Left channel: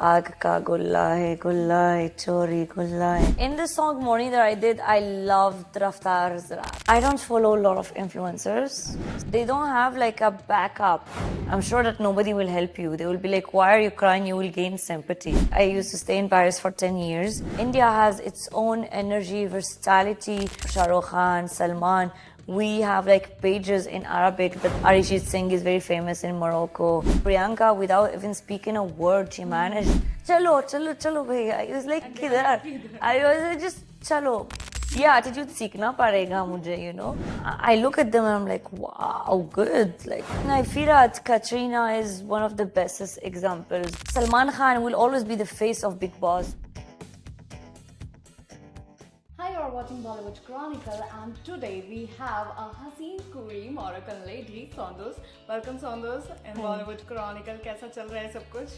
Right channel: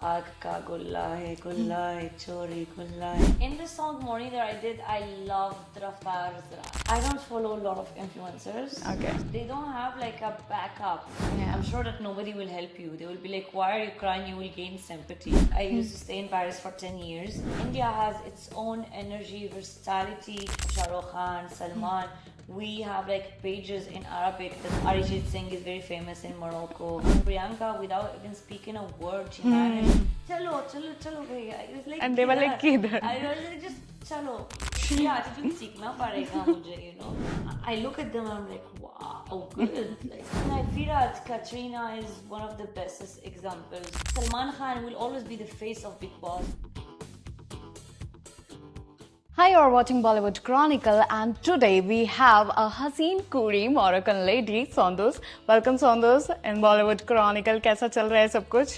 Aag ka gulla hai chori gulla hai. In this song Morning that I did, I loved Raftar's rap. I don't follow a lot of influencers. Okay. They don't have like a backup. Yeah. I'm sure that nobody will help you. They will be like, why are you crying? You will gain sympathy. I used to stay in Paris for 10 years. India has its own energy, versatility. Shah Rukh Khan, Salman. We have like pages in Arabic that Arijit Singh is very famous in Morocco. Priyanka, without even speaking a word, she managed. Chalo, chalo, chalo, bhaiya. I was like, And they were like, "Kidhar?" "Kidhar?" I was like, just chalo. ये attitude सीखना पड़ेगा मुझे, you know. I look at them and I'm like, wow, good. Like, I feel that Katrina is one of the bestest examples. Salman Khan will always be the face of Big Boss. Hi, you're watching Bollywood Chronicle, and today we have a Haseen Kuri Moroccan lady, Sondus. Welcome, Sondus, in Bollywood Chronicle. कैसा चल रहा है सब कुछ?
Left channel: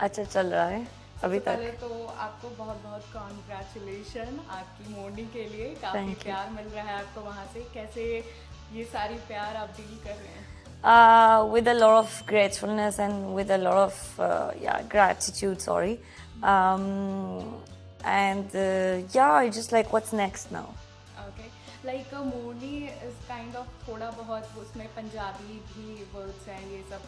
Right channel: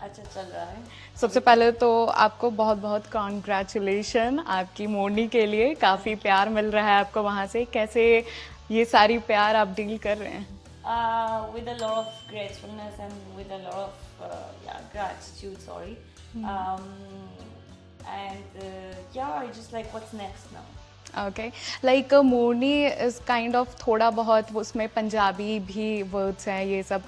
अच्छा चल रहा है. सबसे पहले तो आपको बहुत बहुत कॉन्ग्रेचुलेशन आपकी मोरनी के लिए. काफ़ी प्यार मिल रहा है आपको वहाँ से. कैसे ये सारी प्यार आप डील कर रहे हैं? With a lot of gratefulness and with a lot of gratitude. Sorry. I just like what's next now. Okay, like Morni is kind of थोड़ा बहुत उसमें पंजाबी भी वर्ड्स हैं, ये सब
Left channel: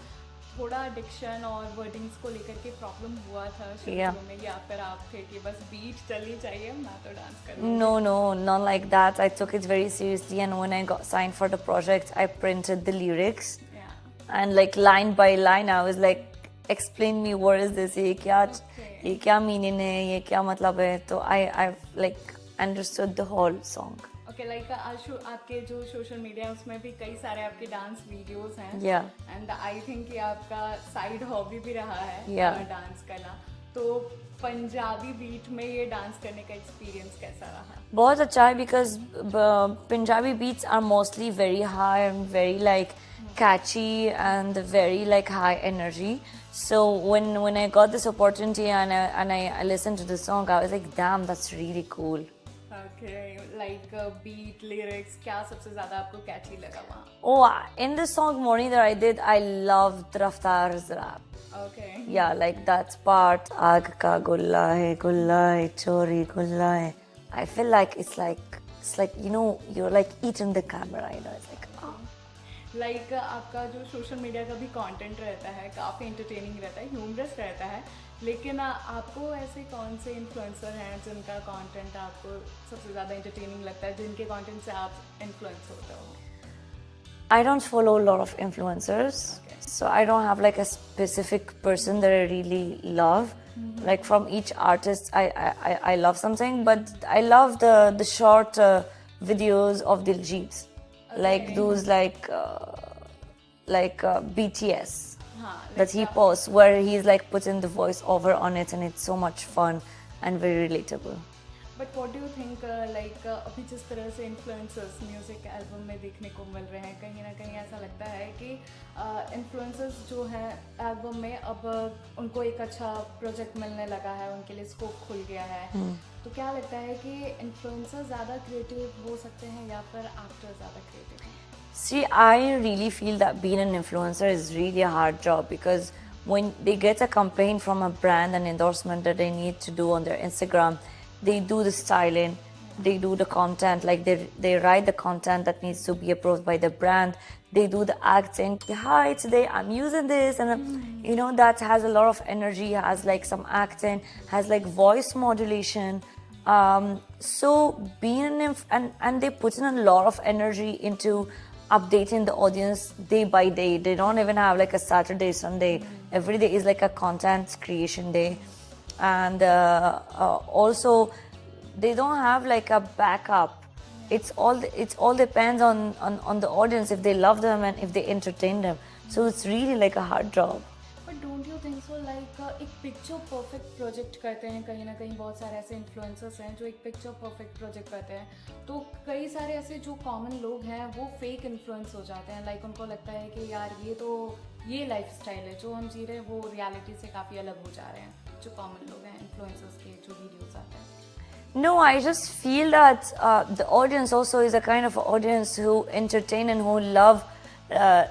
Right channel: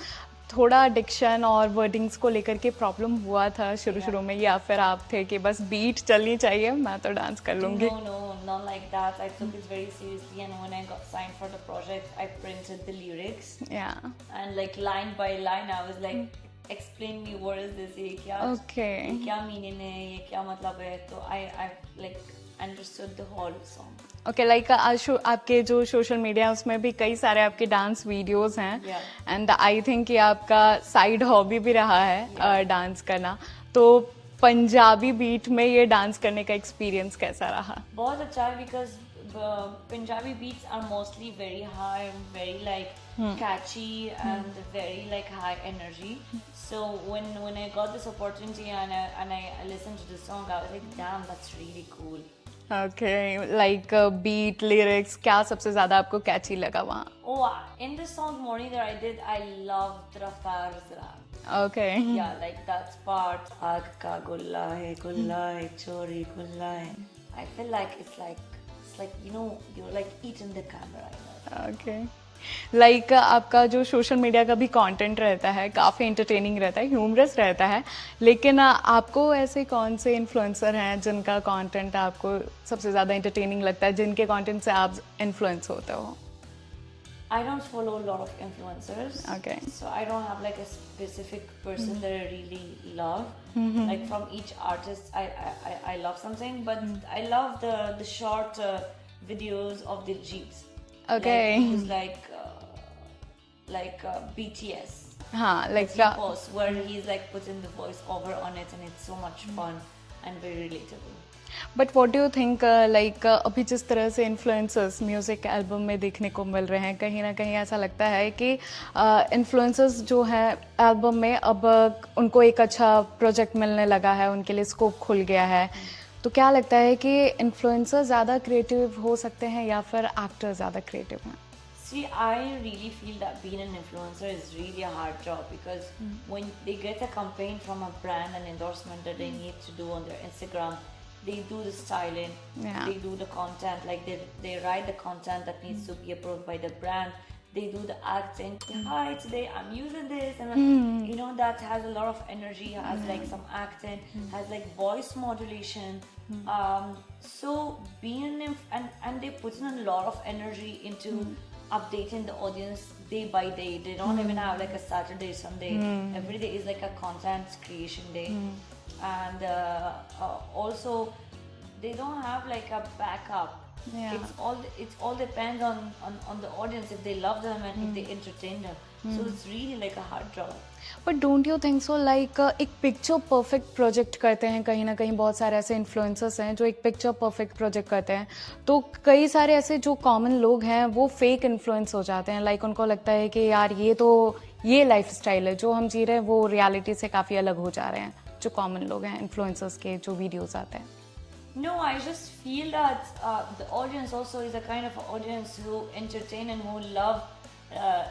थोड़ा डिक्शन और वर्डिंग्स को लेकर के प्रॉब्लम हुआ था शुरू में, या फिर आप थे कि बस बीट चलनी चाहिए, मैं तो डांस कर लूँगी? No, not like that. I took it very seriously, and when I got signed for the project, I printed the lyrics. Yeah. And like line by line, I was like, explain me what is this? ये क्या meaning है? ये क्या मतलब है? तो I like understood the whole song. Okay, like आपके जो सोशल मीडिया उसमें भी कई सारे आपके डांस वीडियोस हैं, एंड आई थिंक ये आपका साइड हॉबी भी रहा है डांस करना. तो पंजाबी बीट में ये डांस करने का एक्सपीरियंस कैसा रहा? बहुत अच्छा है, because Punjabi beats are mostly very high and very like catchy and very like high energy. So when I got this opportunity and I listened to the song, I was like, damn, that's really cool. Okay, like beat, lyrics, क्या सबसे ज़्यादा आपको catchy लगा वहाँ? Oh, in the song Morning that I did, I loved Raftar's rap. Okay. Yeah, like that part. Aag ka gulla hai chori gulla hai. I feel like it's like you know, you're like eating the camera. Okay. Like आपका जो social media का भी content रहता है काफ़ी entertaining रहता है, humerus रहता है, लेकिन आपको ऐसे कौन से इन्फ्लुएंसर हैं जिनका कंटेंट आपको सबसे ज़्यादा एंटरटेनिंग लगता है, जिनके कंटेंट से आप इन्फ्लुएंस होते हो? I don't follow a lot of influencers. Okay. So I don't have like a specific person that I really love. Like from each artist, I love something, but I love the short videos of Diljit. Okay. Like those like BTS. Like that he posts where he's like putting the voice over on it, and it's so much fun and very relatable. But what do you think, like अभी जिस तरह से influencers music album में देखने को मिल रहे हैं, कहीं ना कहीं ऐसा लगता है कि इन्फ्लुएंसर्स जो है एल्बम में अब उनको एक अच्छा प्रोजेक्ट मिलने लगा है, उनके लिए स्कोप खुल गया है. तो क्या लगता है कि इन्फ्लुएंसर ज़्यादा क्रिएटिव हो सकते हैं या फिर एक्टर ज़्यादा क्रिएटिव हैं? See, I really feel that being an influencer is really a hard job, because when they get a campaign from a brand, an endorsement that they need to do on their Instagram, they do the styling, they do the content, like they write the content that needs to be approved by the brand, they do the acting. Hi, today I'm using this, and you know, that has a lot of energy, has like some acting, has like voice modulation. So being and they put in a lot of energy into updating the audience day by day. They don't even have like a Saturday, Sunday. Every day is like a content creation day. And also they don't have like a backup. It's all depends on the audience, if they love them and if they entertain them. So it's really like a hard job. But don't you think so, like एक picture perfect project करते हैं, कहीं ना कहीं बहुत सारे ऐसे influencers हैं जो एक पिक्चर परफेक्ट प्रोजेक्ट करते हैं, तो कई सारे ऐसे जो कॉमन लोग हैं वो फेक इन्फ्लुएंस हो जाते हैं. लाइक उनको लगता है कि यार ये लाइफ स्टाइल है जो हम जी रहे हैं, वो रियलिटी से काफ़ी अलग हो जा रहे हैं, जो कॉमन लोग हैं इन्फ्लुएंसर्स के जो वीडियोज़ आते हैं. No, I just feel that the audience also is a kind of audience who entertain and who love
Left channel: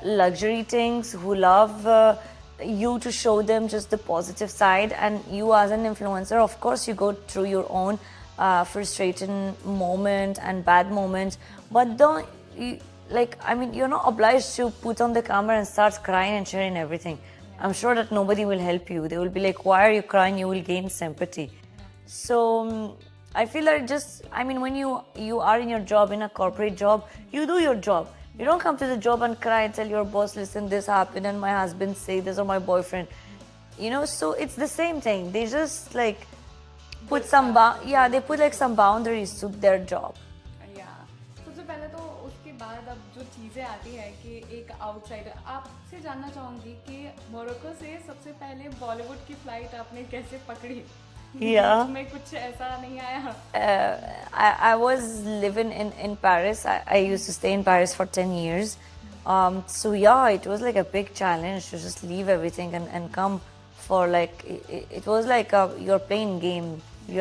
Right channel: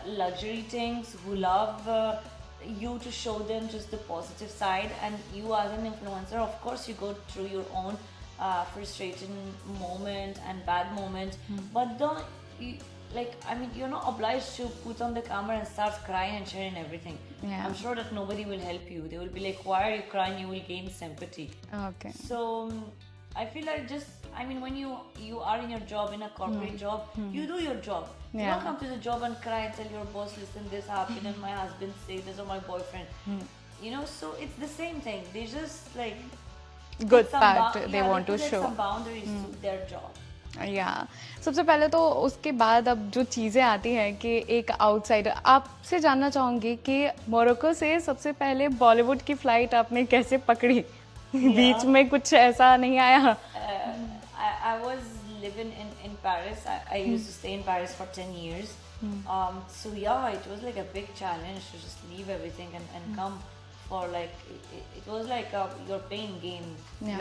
luxury things, who love you to show them just the positive side. And you as an influencer, of course, you go through your own frustrating moment and bad moments, but don't you, like, I mean, you're not obliged to put on the camera and start crying and sharing everything. Yeah. I'm sure that nobody will help you. They will be like, why are you crying? You will gain sympathy. Okay. So I feel like just, I mean, when you are in your job, in a corporate job, you do your job. You Yeah. don't come to the job and cry and tell your boss, listen, this happened and my husband say this, or my boyfriend. You know, so it's the same thing. They just like Good put some part they yeah, they want to put like show. some boundaries to their job. या सबसे पहले तो उसके बाद अब जो चीज़ें आती हैं कि एक आउटसाइडर, आपसे जानना चाहूँगी कि मोरक्को से सबसे पहले बॉलीवुड की फ्लाइट आपने कैसे पकड़ी? बीच में कुछ ऐसा नहीं आया? I was living in Paris. I used to stay in Paris for 10 years. So yeah, it was like a big challenge to just leave everything and come for like, it was like you're playing game. Yeah.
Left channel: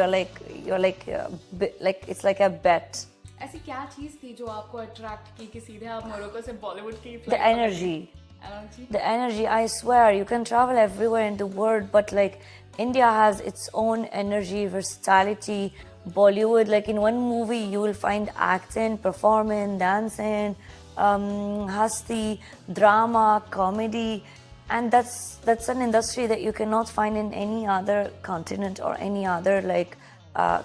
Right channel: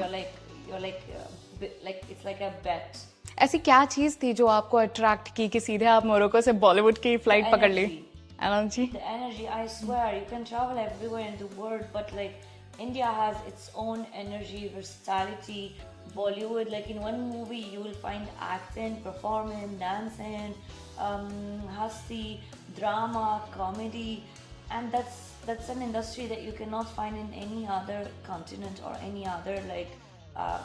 You're like it's like a bet. ऐसी क्या चीज़ थी जो आपको attract की कि सीधे आप Morocco से बॉलीवुड की फ्लाइट पकड़ ली? Energy. The energy, I swear, you can travel everywhere in the world, but like India has its own energy, versatility. Bollywood, like in one movie, you will find acting, performing, dancing, hasti, drama, comedy, and that's an industry that you cannot find in any other continent or any other like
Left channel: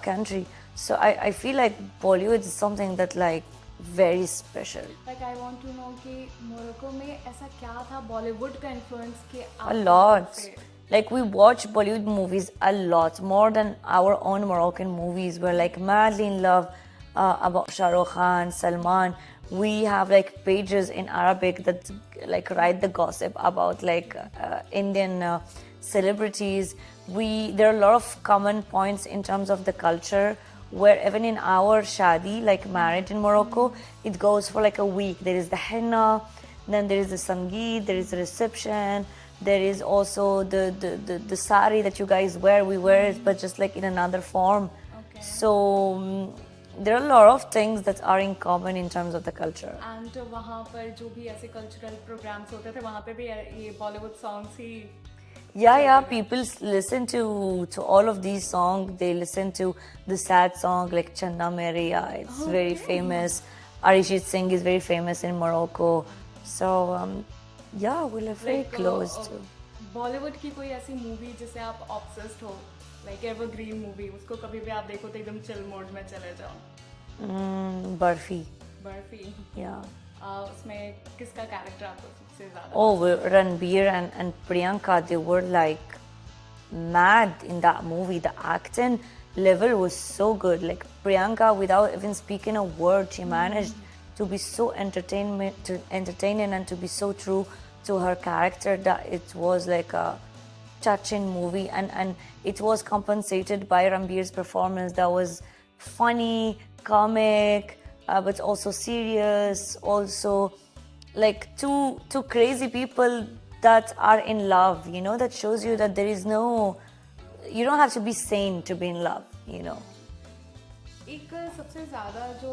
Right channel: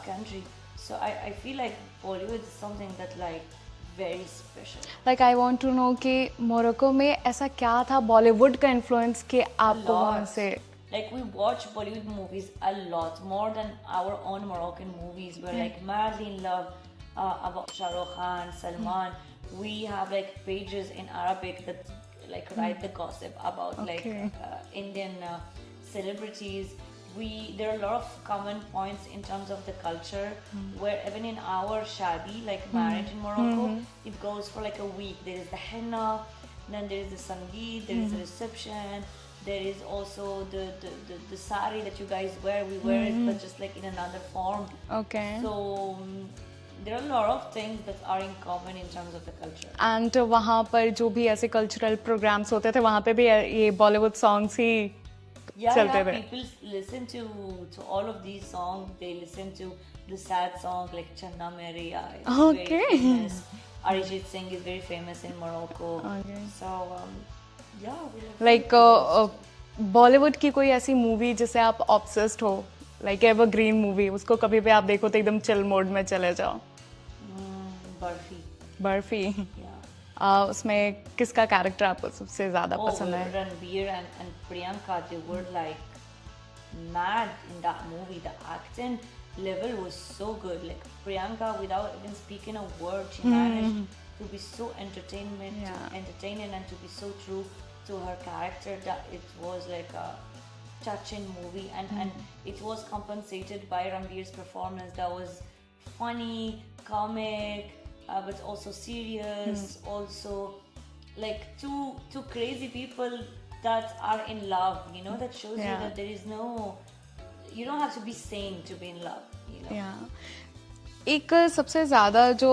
country. So I feel like Bollywood is something that like very special. Like I want to know कि Morocco में ऐसा क्या था बॉलीवुड का influence कि A आपको वहाँ lot. से Like we watch Bollywood movies a lot, more than our own Moroccan movies. We're like madly in love about Shah Rukh Khan, Salman. We have like pages in Arabic that like write the gossip about like Indian celebrities. There are a lot of common points in terms of the culture, where even in our shadi, like marriage in Morocco, it goes for like a week. There is the henna, then there is the sangeet, there is the reception, there is also the sari that you guys wear. We wear it, but just like in another form. Okay. So there are a lot of things that are in common in terms of the culture. And वहाँ पर जो भी ऐसे cultural programmes होते थे वहाँ पे भी ये बॉलीवुड सॉन्ग्स ही Yeah, चलते yeah. थे. People listen to all of these songs. They listen to the sad song like Channa Meria. It's very Okay. famous. Arijit Singh is very famous in Morocco. So yeah, we live very like close to. Bollywood की कोई ऐसी movie जिसे आप obsessed हो, like evergreen movie, उसको कभी भी आप देखो तो एकदम चिल मोड में चले जाओ? Barfi. बर्फी. Yeah. उसमें किसका कैरेक्टर आपको सबसे ज्यादा Oh, पसंद है? Ranbir and Priyanka, they were like mad in that movie. The acting level was so good. Like Priyanka, without even speaking a word, she managed to be so entertaining and to be so true to her character that it was like a touching movie. And it was compensated by Ranbir's performance that was funny, comic, but also serious, also like two crazy people that are in love, you know, that shows you Yeah. that there is no, you don't have to be sane to be in love, you know. एक सबसे ज़्यादा जो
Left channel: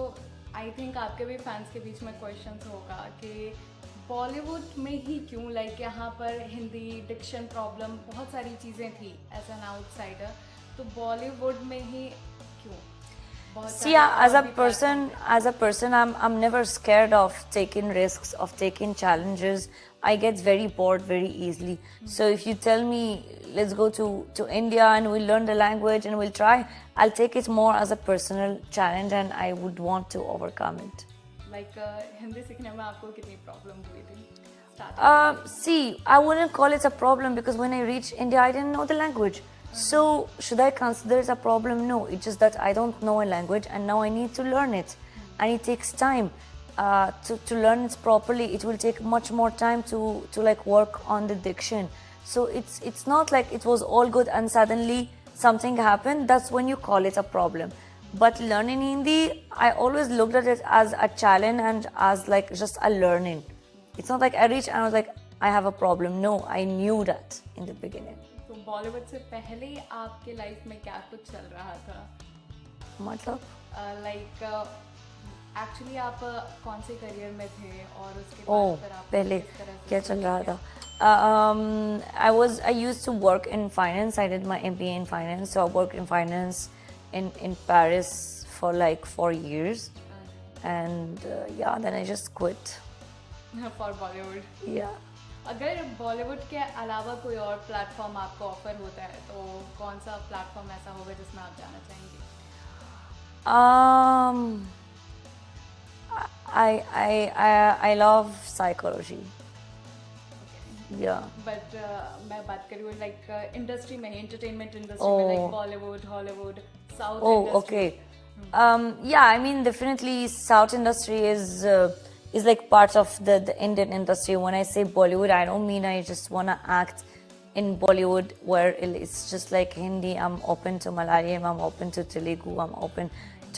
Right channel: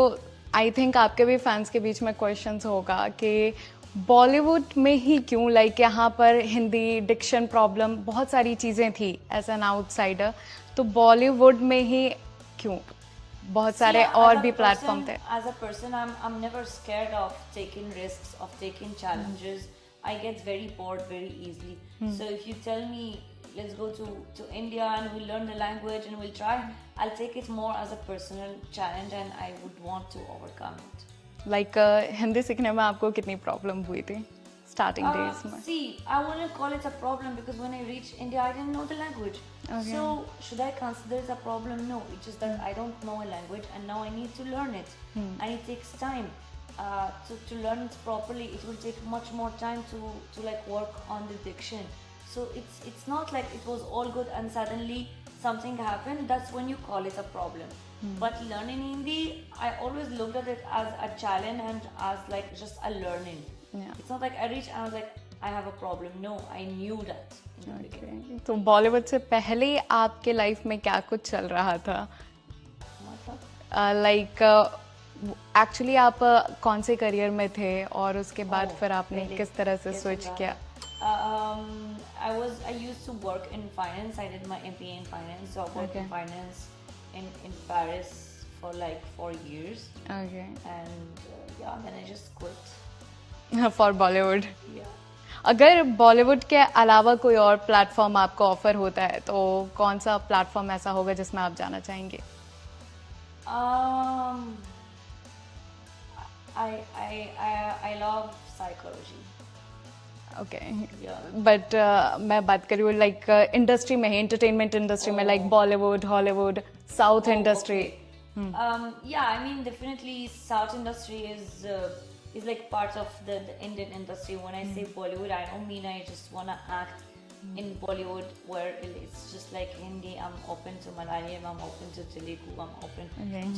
I think आपके भी fans के बीच में questions होगा कि बॉलीवुड में ही क्यों, लाइक यहाँ पर हिंदी डिक्शन प्रॉब्लम बहुत सारी चीज़ें थी एज एन आउटसाइडर, तो बॉलीवुड में ही क्यों? बहुत See, सारे और भी प्लेटफॉर्म थे. as a person, I'm never scared of taking risks, of taking challenges. I get very bored very easily. So if you tell me, let's go to India and we'll learn the language and we'll try, I'll take it more as a personal challenge and I would want to overcome it. Like Hindi सीखने में आपको कितनी problem हुई थी starting days में? See, I wouldn't call it a problem because when I reached India, I didn't know the language. So, should I consider it a problem? No, it's just that I don't know a language and now I need to learn it. And it takes time to learn it properly. It will take much more time to like work on the diction. So, it's not like it was all good and suddenly something happened. That's when you call it a problem. But learning Hindi, I always looked at it as a challenge and as like just a learning. It's not like I reached and I was like, I have a problem. No, I knew that in the beginning. तो बॉलीवुड से पहले आपके life में क्या कुछ चल रहा था? मतलब लाइक एक्चुअली आप कौन से करियर में थे और उसके बाद फिर आपने पहले किस तरह से क्या चल स्विच रहा किया? था? I used to work in finance. I did my MBA in finance, so I worked in finance in Paris for like 4 years, Okay. and yeah, then I just quit. For Bollywood. Yeah. अगर बॉलीवुड के अलावा कोई और platform आपको offer होता है तो कौन सा प्लेटफॉर्म ऐसा होगा जिसमें आप जाना चाहेंगे? Um, I love psychology. Okay. Yeah. But मैं बात करी हूँ लाइक इंडस्ट्री में ही, एंटरटेनमेंट इंडस्ट्री में, like Oh. Bollywood, Hollywood, south Oh, industry. okay. Yeah, I mean, definitely, South industry is like part of the Indian industry. When I say Bollywood, I don't mean I just wanna act in Bollywood where it's just like Hindi. I'm open to Malayalam. I'm open to Telugu. I'm open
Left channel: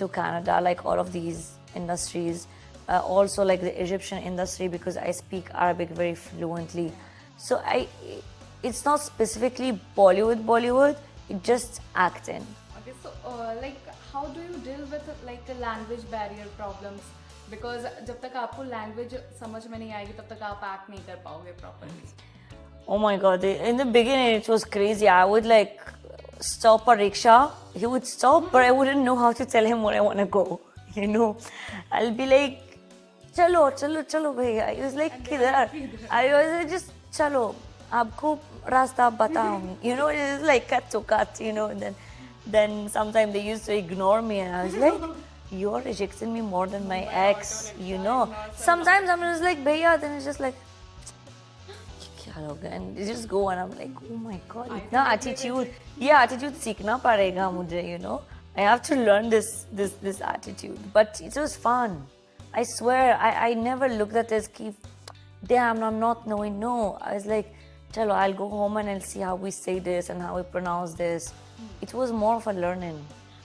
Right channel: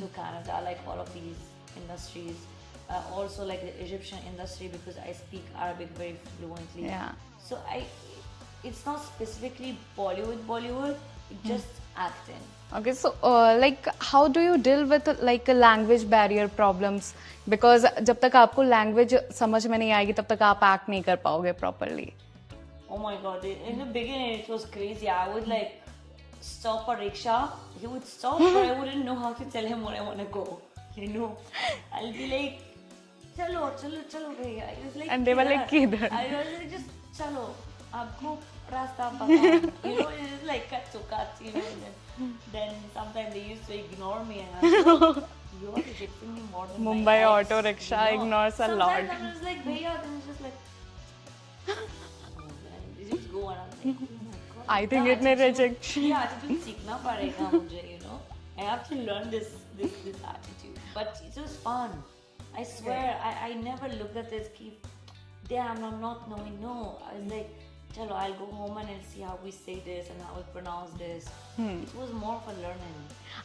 to Canada. Like all of these industries. Also, like the Egyptian industry because I speak Arabic very fluently. Yeah. So it's not specifically Bollywood. It's just acting. Okay, so like how do you deal with like language barrier problems? Because जब तक आपको language समझ में नहीं आएगी तब तक आप एक्ट नहीं कर पाओगे properly. Oh my god, in the beginning it was crazy. I would like stop a rickshaw. He would stop, but I wouldn't know how to tell him where I want to go. You know, I'll be like, chalo, chalo, chalo, bhaiya. He was like, And they were like, "Kidhar?" "Kidhar?" I was like, just chalo. आपको रास्ता बताओ. You know, it's like cut to cut. You know, and then sometimes they used to ignore me, and I was like, you are rejecting me more than Mumbai my ex. auto rickshaw you know? ignores a Sometimes lot. I'm just like, bhaiya. Then it's just like. And you just go and I'm like, oh my god. I इतना think इतने attitude- rejection. Yeah, attitude सीखना पड़ेगा मुझे, you know. I have to learn this attitude. But it was fun. I swear, I never looked at this ki, damn, I'm not knowing. No, I was like, chalo, I'll go home and I'll see how we say this and how we pronounce this. It was more of a learning.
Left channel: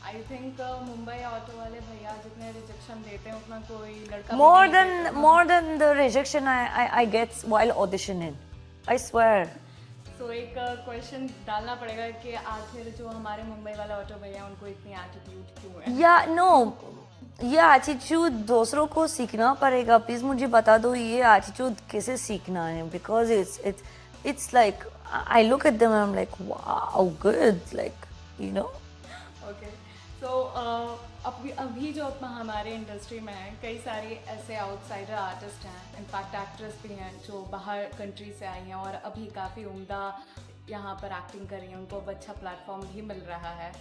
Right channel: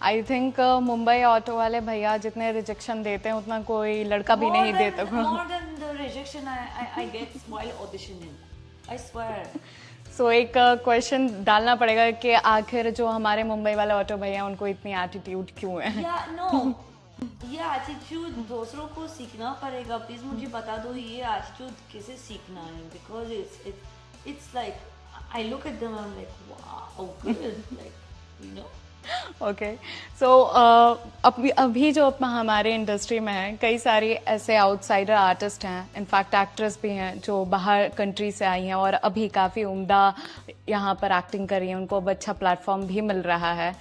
I think Mumbai auto वाले भैया जितने rejection देते हैं उतना कोई लड़का भी More नहीं than देता. more than the rejection I get while auditioning. I swear. सो एक क्वेश्चन डालना पड़ेगा कि आखिर जो हमारे मुंबई वाले ऑटो भैया हैं, उनको इतनी एटीट्यूड क्यों है? Yeah, no. ये एटीट्यूड दूसरों को सीखना पड़ेगा. प्लीज मुझे बता दो ये एटीट्यूड कैसे सीखना है. Because it's like I look at them and I'm like, wow, good, like, you know. Okay. So अभी जो हमारे इंडस्ट्री में है, कई सारे ऐसे आउटसाइडर आर्टिस्ट हैं, इनफैक्ट एक्ट्रेस भी हैं जो बाहर कंट्री से आई हैं और अभी काफ़ी उम्दा यहाँ पर एक्टिंग कर रही हैं, उनको अब अच्छा प्लेटफॉर्म भी मिल रहा है.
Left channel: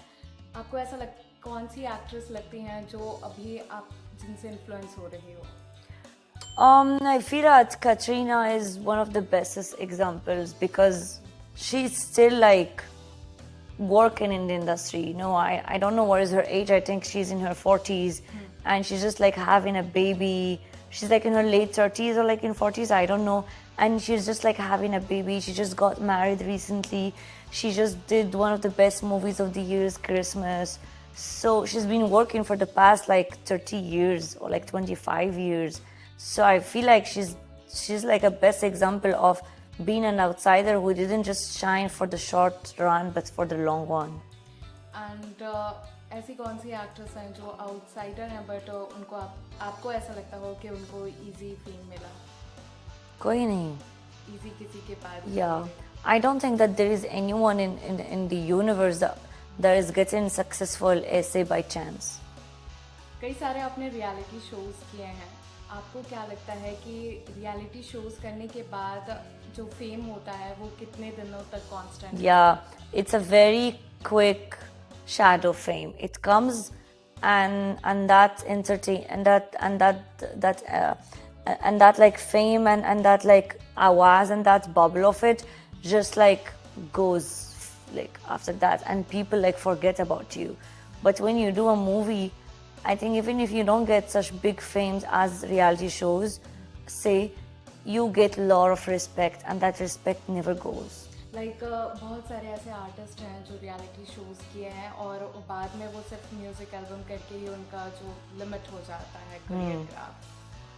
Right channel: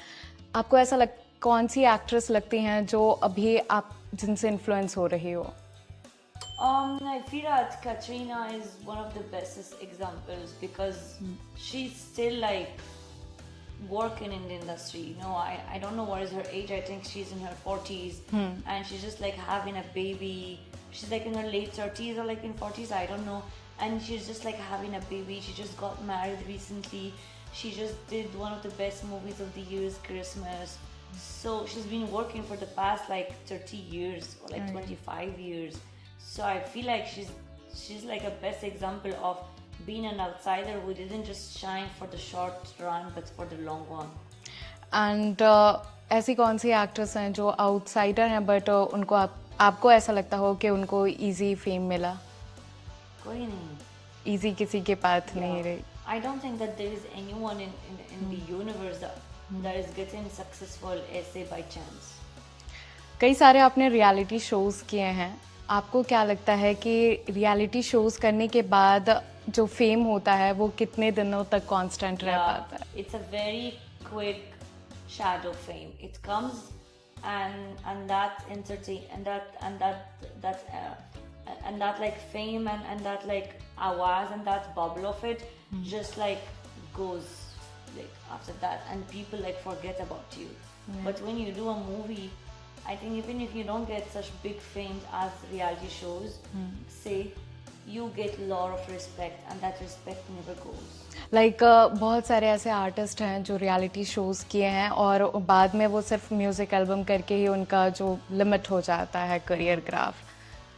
आपको ऐसा कौन सी एक्ट्रेस लगती हैं जो अभी आप जिनसे इन्फ्लुएंस हो रही हो? I feel that Katrina is one of the bestest examples because she's still like working in the industry. You know, I don't know what is her age. I think she's in her 40s and she's just like having a baby. She's like in her late 30s or like in 40s, I don't know. And she's just like having a baby. She just got married recently. She just did one of the best movies of the year, Christmas. So she's been working for the past like 30 years or like 25 years. So I feel like she's like a best example of being an outsider who didn't just shine for the short run but for the long one. And ऐसी कौन सी actress हैं जो outsider हैं but उनको आपको ऐसा लगता हो कि उनको इजी फेम मिला? कोई नहीं. इजी किसी के पास Yeah. नहीं रही. I don't think that there is anyone in the universe that is getting successful essay by chance. कई सारे आपने रियलिटी शोज किए हैं, आपको क्या लगता है कि रियलिटी शोज करने के बाद जो फेम होता है वो कितने दिनों तक कांस्टेंट Yeah, रहता है? it's a very quick shadow fame. It comes and that entertain and that like fame and that like awaz and that bubble of it just like goes like after that and people like forget about you. But when you do a movie, I think even if you don't get such big fames as reality shows, say, you get a lot of respect and that respect never goes. Like बहुत सारे ऐसे artist हैं जो reality shows किए हैं और बाद में वो सिर्फ म्यूजिक एल्बम करके ही उनका जो लिमिट हो जाता है करियर ग्राफ.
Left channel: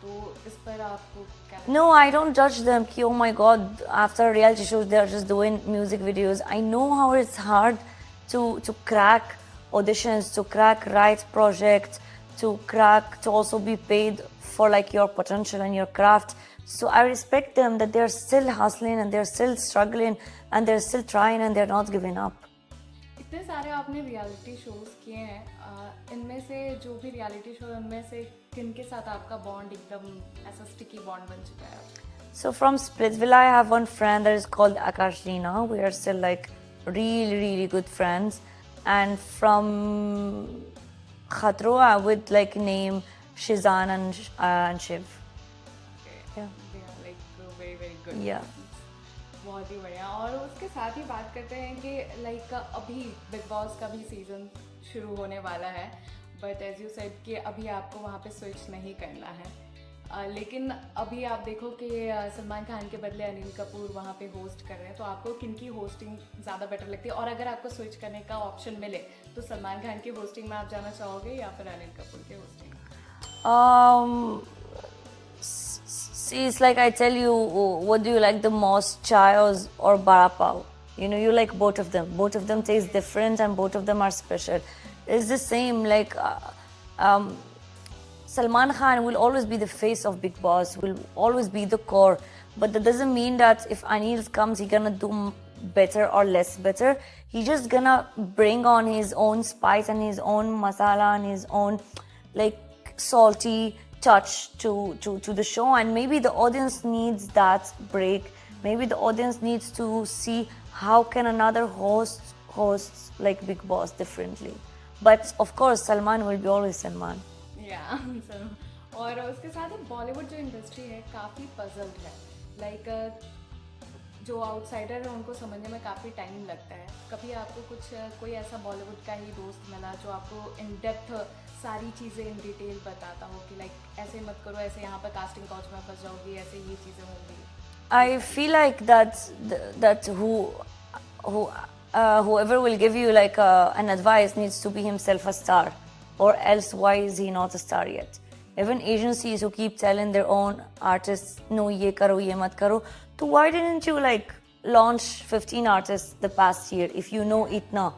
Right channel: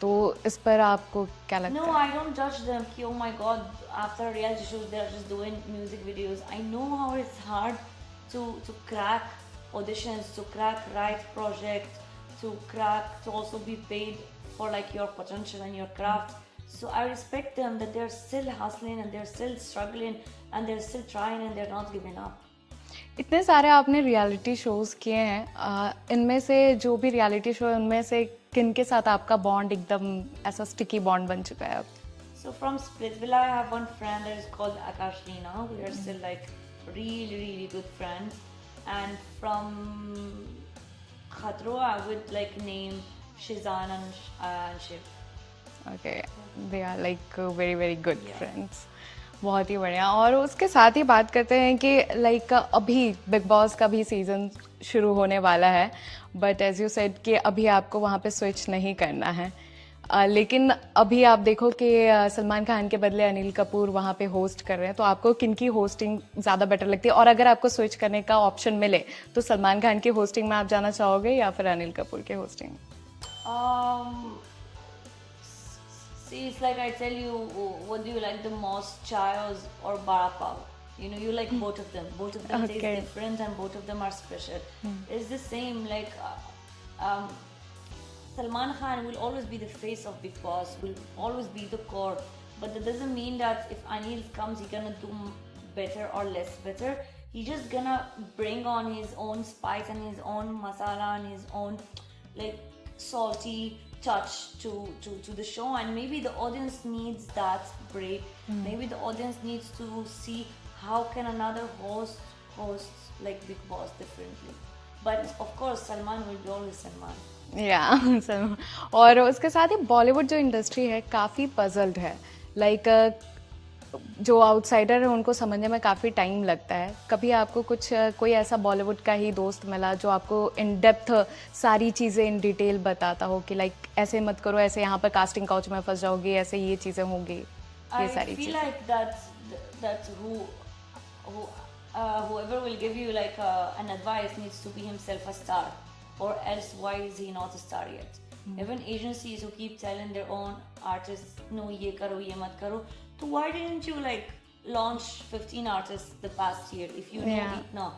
तो इस पर आपको क्या लगता No, I don't judge them. Ki, oh my God, after reality shows, they are just doing music videos. I know how it's hard to crack auditions, to crack right projects, to also be paid for like your potential and your craft. So I respect them that they're still hustling and they're still struggling and they're still trying and they're not giving up. इतने सारे आपने reality shows किए हैं, इनमें से जो भी reality show है उनमें से किन के साथ आपका बॉन्ड एकदम ऐसा स्टिकी बॉन्ड बन चुका है अब? So from Splitsvilla, I have one friend that is called Akash Reena. We are still like really, really good friends. And from Khatro, I would like name Shizan and Shiv. Okay, they are like very very good Yeah. Friends. बहुत ही बढ़िया। और उसके साथ ही बात करते हैं कि लाइक अभी बिग बॉस का भी सीज़न शुरू होने वाला है, बट एज यू सेड कि अभी आपको वहाँ पे स्विच नहीं करना है। लेकिन अभी आप देखो कि सलमान खान के बदले अनिल कपूर वहाँ पे होस्ट कर रहे हैं, तो आपको किनकी होस्टिंग ज़्यादा बेटर लगती है? और अगर आपको स्विच करने का ऑप्शन मिले तो सलमान खान की होस्टिंग में आप जाना चाहोगे या फिर अनिल कपूर के hosting? See, it's like I tell you, what do you like the most, chai or bara pav? You know, you like both of them. Both of them taste Okay. different and both of them are special. It's the same, like Salman Khan will always be the face of Big Boss, will always be the core. But that doesn't mean that if Anil comes, he's gonna do better or less better. He's just gonna bring on his own spice and his own masala and his own like salty touch to the show, and maybe the audience needs that break. Maybe the audience needs to see how can another host like Big Boss differently. But of course, Salman will be always Salman. या और उसके साथ ही बॉलीवुड जो industry है काफ़ी puzzled है। Like जो outsider है उनको समझने में काफ़ी टाइम लगता है। कभी आपको कुछ कोई ऐसा बॉलीवुड का ही दोस्त मिला जो आपको इन डेप्थ सारी चीज़ें इन डिटेल बताता हो कि लाइक ऐसे मत करो, ऐसे यहाँ पर कास्टिंग काउच में फंस जाओगी, ऐसे ये चीज़ें होंगी? I feel like that whoever will give you like an advice needs to be himself a star, or else why is he not a star yet? Even agencies who keep telling their own artists, no, ye karo, ye mat karo. So why didn't you like launch 15 artists the past year if you know Yeah. it now?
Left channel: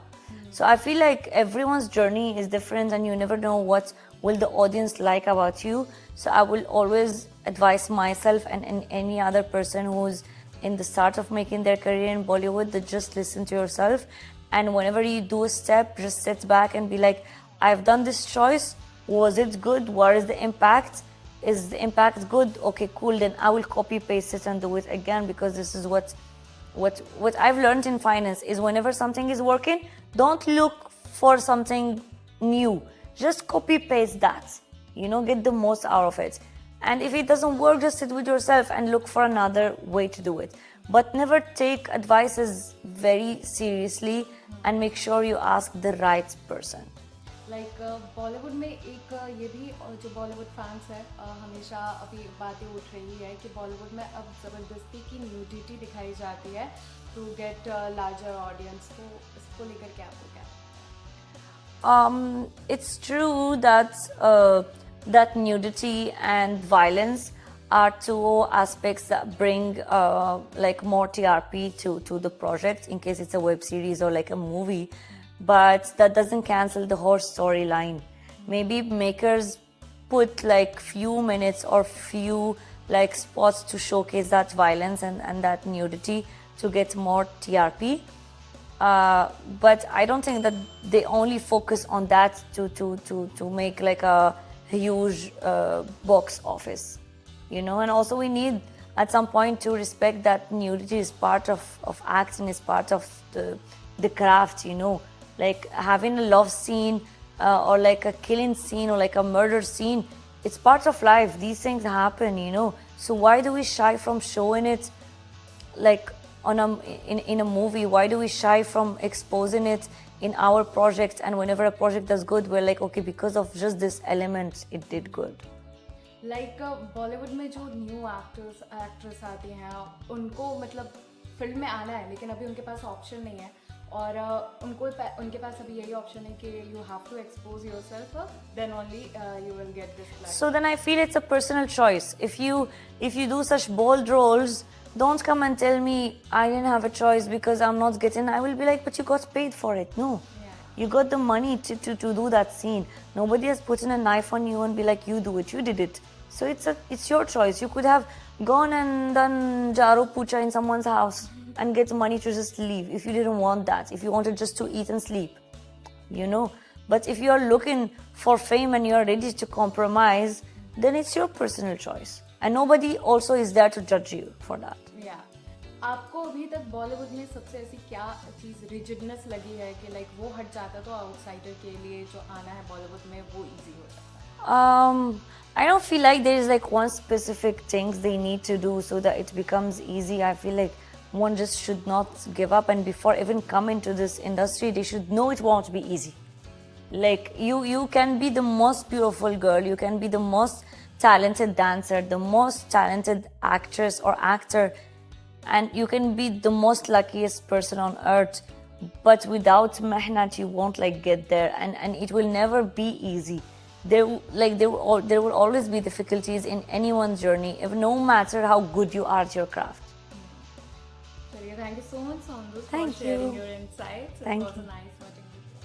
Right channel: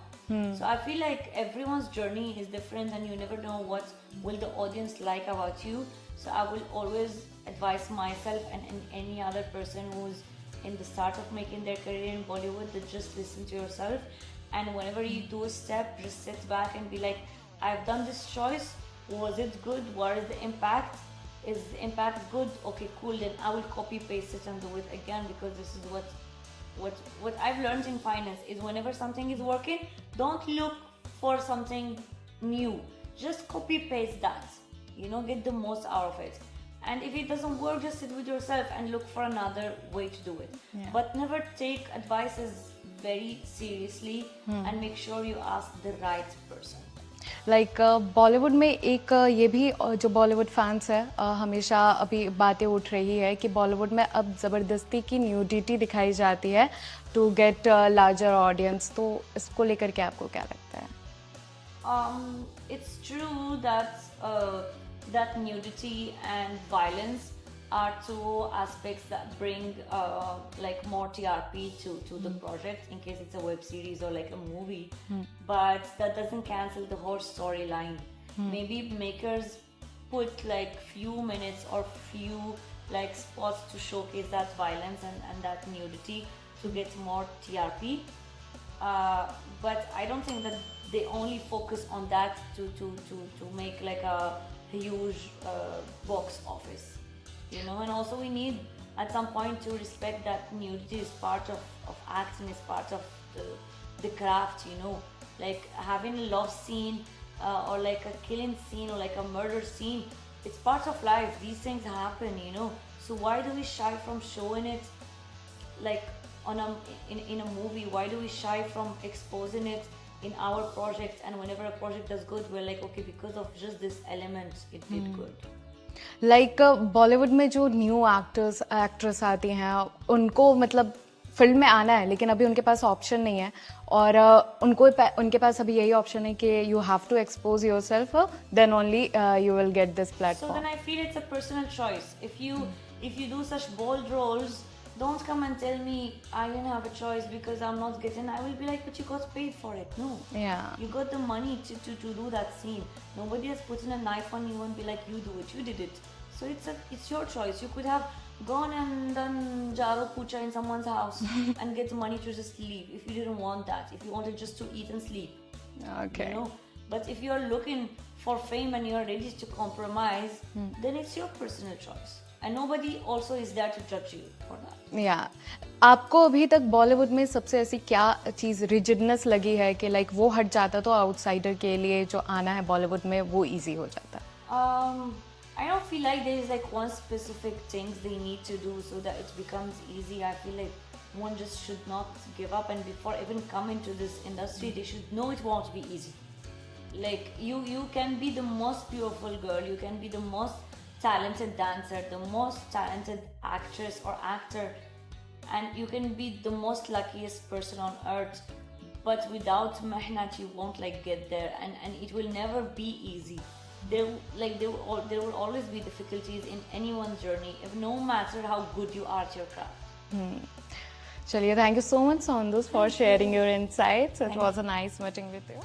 So I feel like everyone's journey is different and you never know what will the audience like about you. So I will always advise myself and any other person who's in the start of making their career in Bollywood that just listen to yourself, and whenever you do a step, just sit back and be like, I've done this choice. Was it good? What is the impact? Is the impact good? Okay, cool. Then I will copy paste it and do it again, because this is what I've learned in finance is whenever something is working, don't look for something new. Just copy paste that. You know, get the most out of it. And if it doesn't work, just sit with yourself and look for another way to do it. But never take advices very seriously and make sure you ask the right person. Like Bollywood में एक ये भी जो Bollywood fans है हमेशा अभी बातें उठ रही है कि बॉलीवुड में अब ज़बरदस्ती की न्यूडिटी दिखाई जाती है टू गेट लार्जर ऑडियंस, तो इसको लेकर के आपको क्या लगता है? It's true that nudity and violence are two aspects that bring like more TRP to the project in case it's a web series or like a movie, but that doesn't cancel the whole storyline. Maybe makers put like few minutes or few like spots to showcase that violence and that nudity to get more TRP. But I don't think that they only focus on that to make like a huge box office, you know. And also we need at some point to respect that nudity is part of acting, is part of the craft, you know. Like having a love scene or like a killing scene or like a murder scene, it's part of life. These things happen, you know. So why do we shy from showing it like in a movie? Why do we shy from exposing it in our project? And whenever a project does good, we're like, okay, because of just this element it did good. Like Bollywood में जो new actress आती हैं उनको मतलब film में आना है, लेकिन अभी उनके पास ऑप्शन नहीं है, और उनके पास अभी यही ऑप्शन है कि you have to expose yourself, then only you will get this So platform. then I feel it's a personal choice. If you do such bold roles, don't come and tell me I didn't have a choice because I'm not getting. I will be like, but you got paid for it. No. Yeah. You got the money to do that scene. Nobody has put in a knife on you and be like, you do it. You did it. So it's your choice. You could have gone and done jaro pucha in someone's house and gets money to just leave if you didn't want that, if you wanted just to eat and sleep. Okay. You know, but if you are looking for fame and you are ready to compromise, then it's your personal choice and nobody also is there to judge you for that. या आपको अभी तक बॉलीवुड में सबसे ऐसी क्या चीज़ rigidness लगी है कि लाइक वो हट जाता तो आउटसाइडर के लिए जो आना है बॉलीवुड में वो इजी हो जाता? I don't feel like there is like one specific things they need to do so that it becomes easy. I feel like one just should not give up, and before even come into this industry, they should know it won't be easy. Like you can be the most beautiful girl, you can be the most talented dancer, the most talented actress or actor, and you can be the most luckiest person on earth, but without mehnat you won't like get there, and it will never be easy. There will always be difficulties in anyone's journey, if no matter how good you are at your craft. चलिए, thank you so much सोनदूस for Thank sharing you. Your insights. It Thank was a nice meeting with you.